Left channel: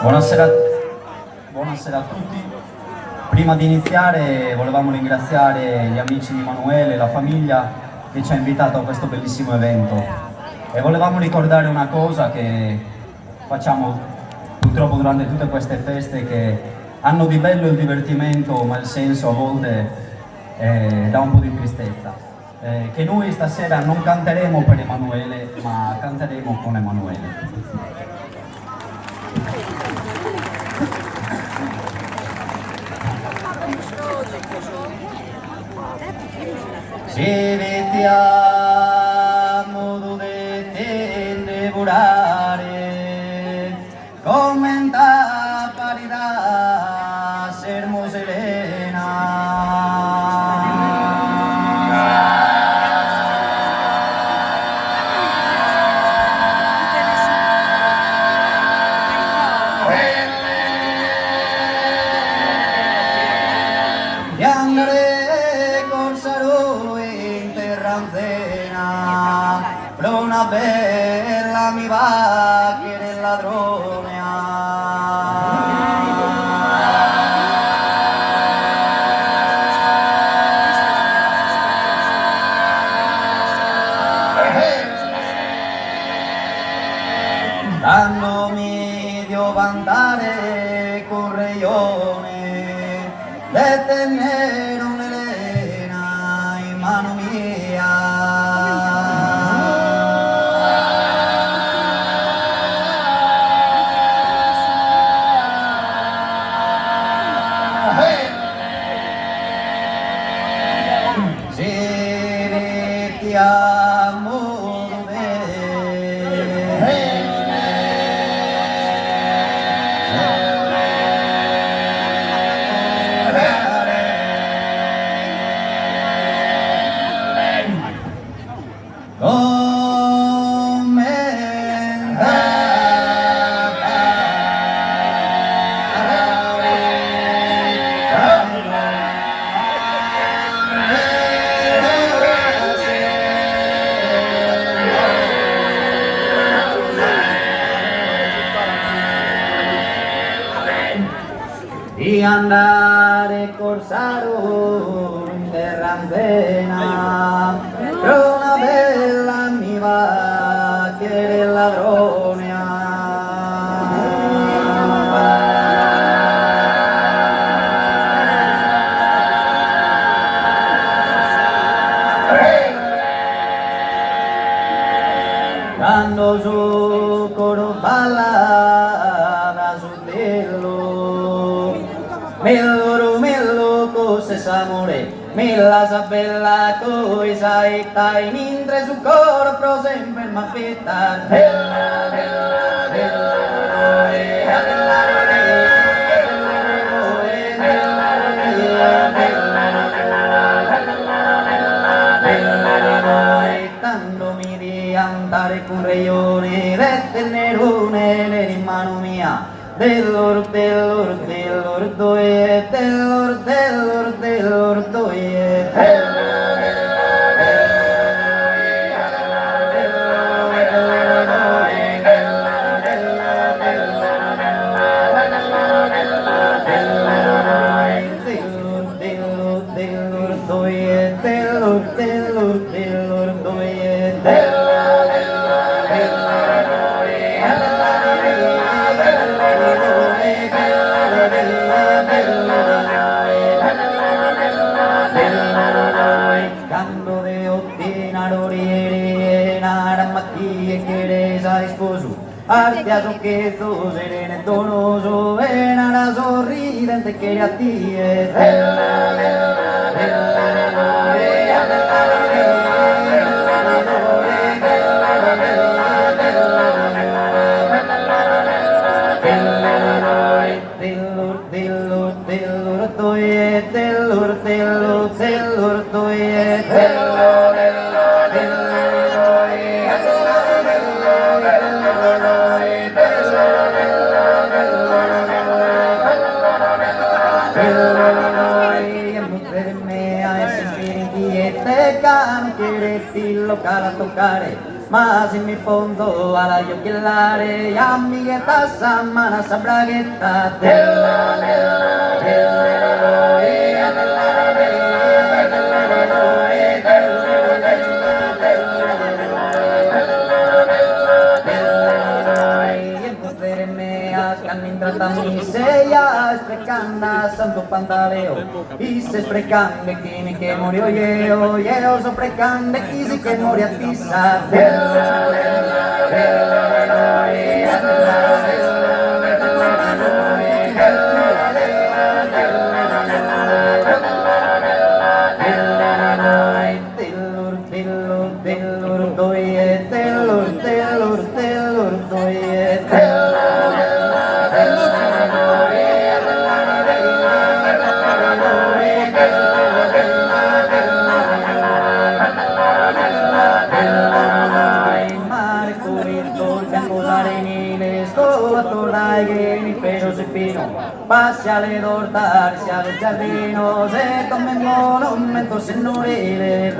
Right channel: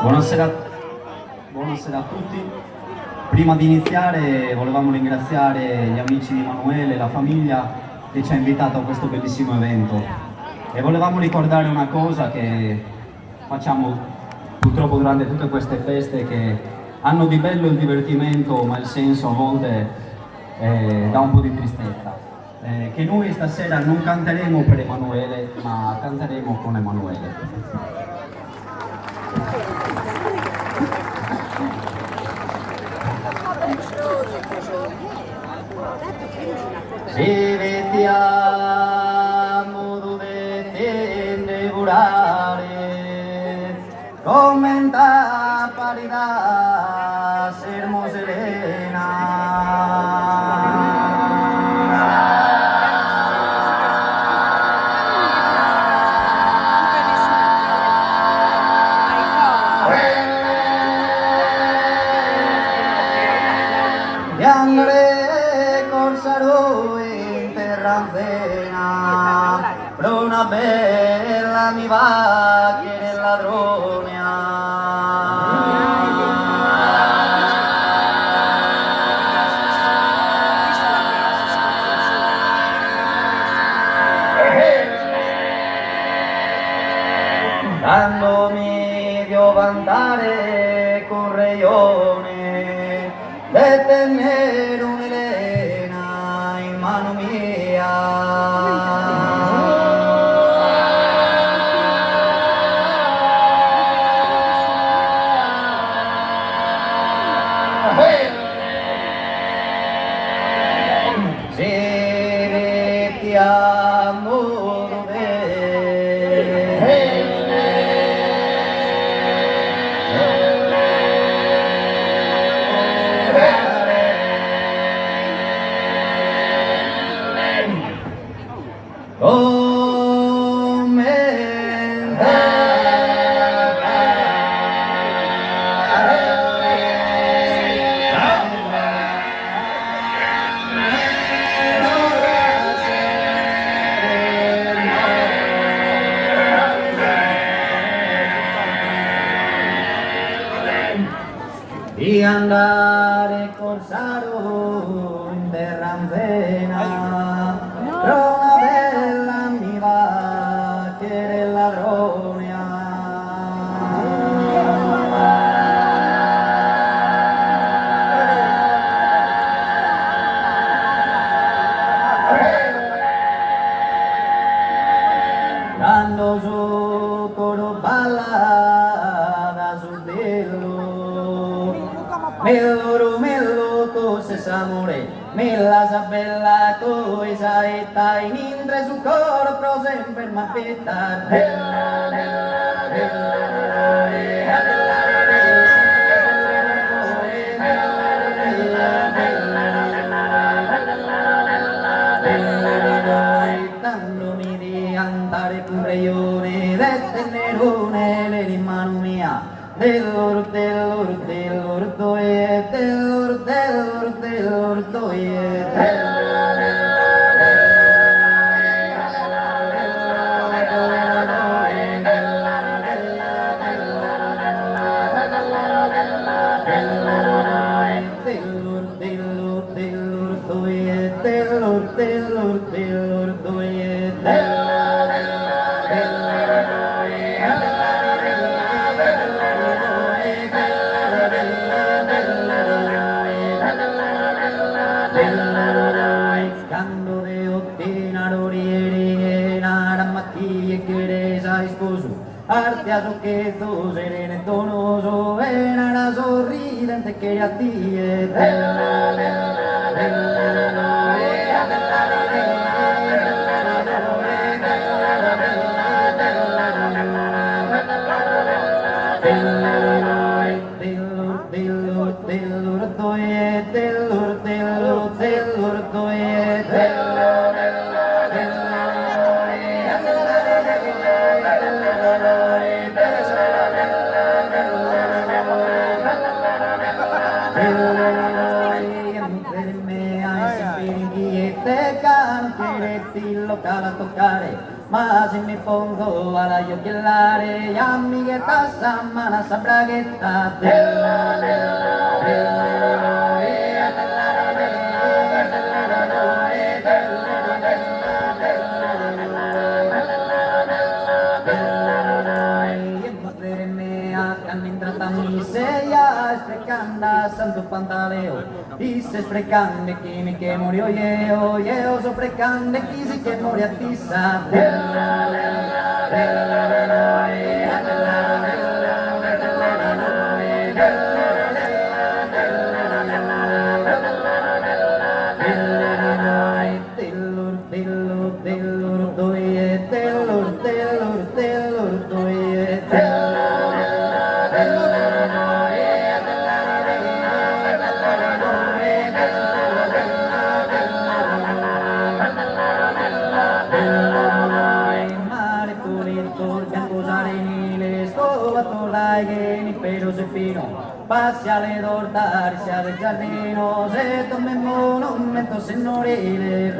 Buonasera, buonasera a tutti. Prima di iniziare volevamo ringraziare gli amici di Emanuele e la famiglia che ci ha invitato a questo bellissimo evento e volevamo ricordare una cosa che facciamo purtroppo durante tutte queste feste, che hanno di bello il divertimento ma il senso a volte dà un po' di tristezza. Che noi stasera non canteremo per Emanuele ma canteremo con Emanuele. Se vediamo dovete devorare, commenta parità, sermo serena. E andare col salo in terranzena, una bella mi va che del ladrone. Dandomi devo andare con reione e tenere un'Elena in mano mia. Se ti amo di andare corsaro in terranzena, una bella mi va che del ladrone. Quando su coro balla su dello, mello cose s'amore, mella sa bella cosa e stai mentre su coro pro sempre m'aspettar. Bella, bella, bella, dandomi di andare con reione e tenere un'ele in mano mia, dell'or doie, dell'or doie. Cando de ottinaroriere naramatti e chiesa sposo, artiaso che tu serene donoso e nara sorridente che a tie. discoteca, non chiederti il locale a toccare, ma se mi fondo alla giochellare, amiguetta samana sa braghetta, mi seia sprecanda santo pantaleo y se sprecande kimi que murió yeo so sprecande easy que murió a pisa Passiale d'ortare, siale giardino, se come monumento signorile.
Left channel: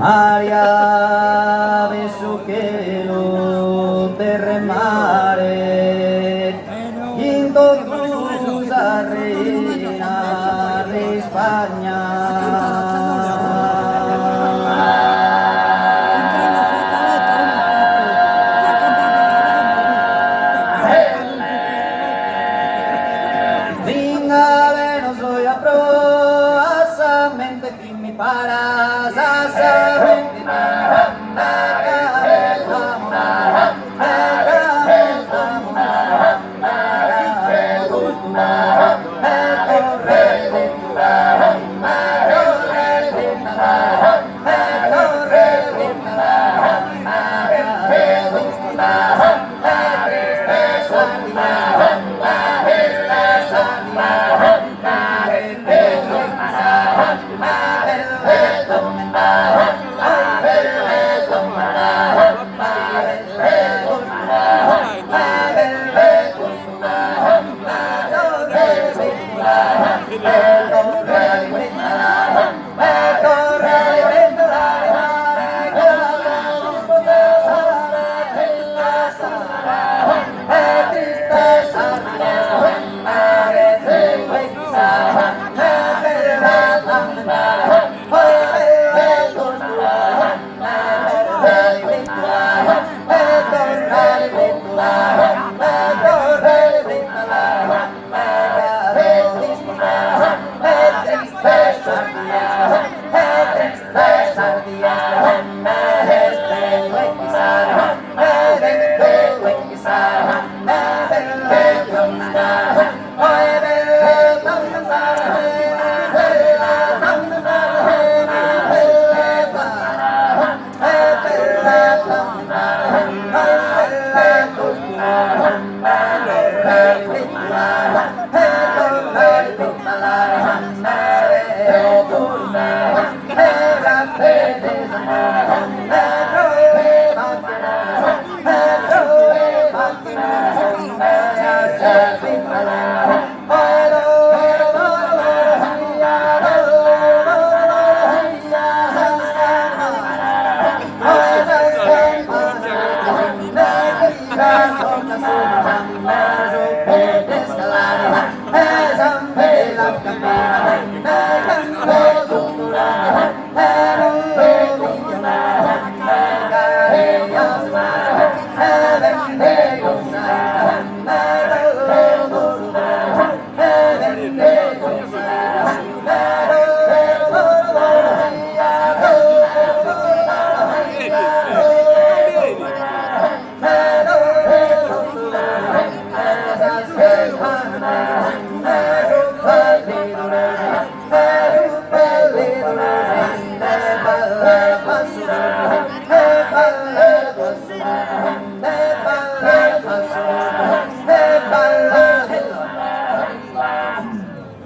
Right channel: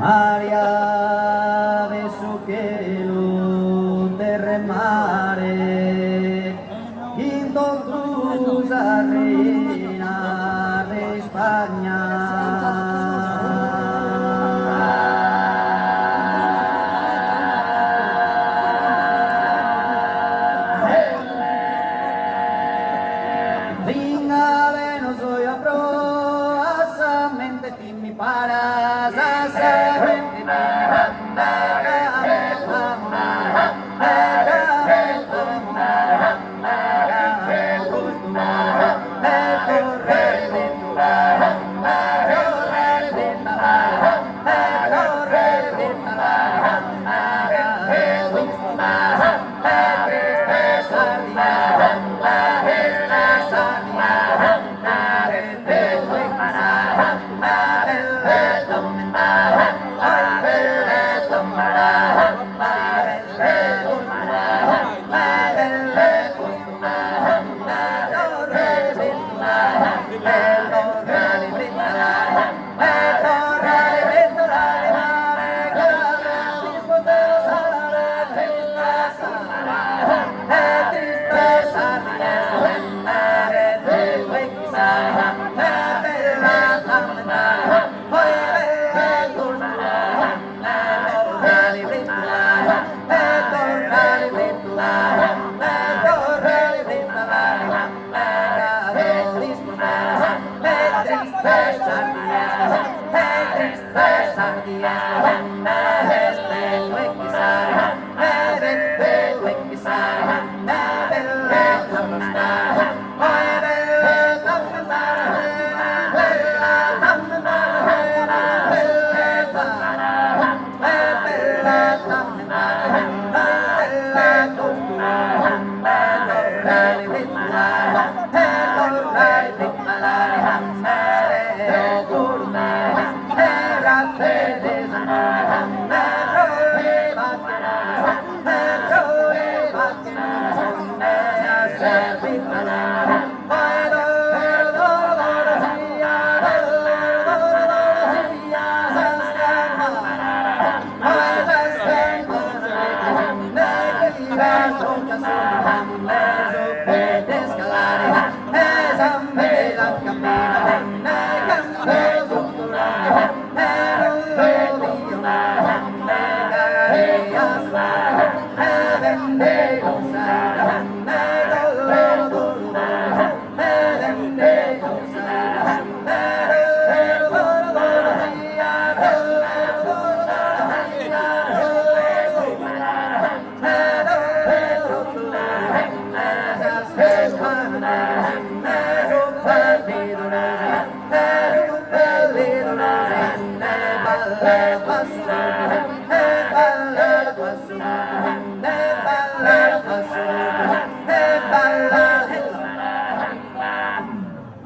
Maria beso que lo terremare quinto cruz a reina de España Vinga de no soy a pro asamente que mi paras asamente Hey!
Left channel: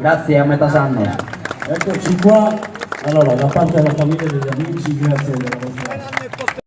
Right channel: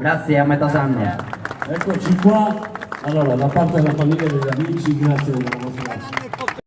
Grazie, a metà anno. Eccoci qua, allora da parte della famiglia e degli amici, grazie della vostra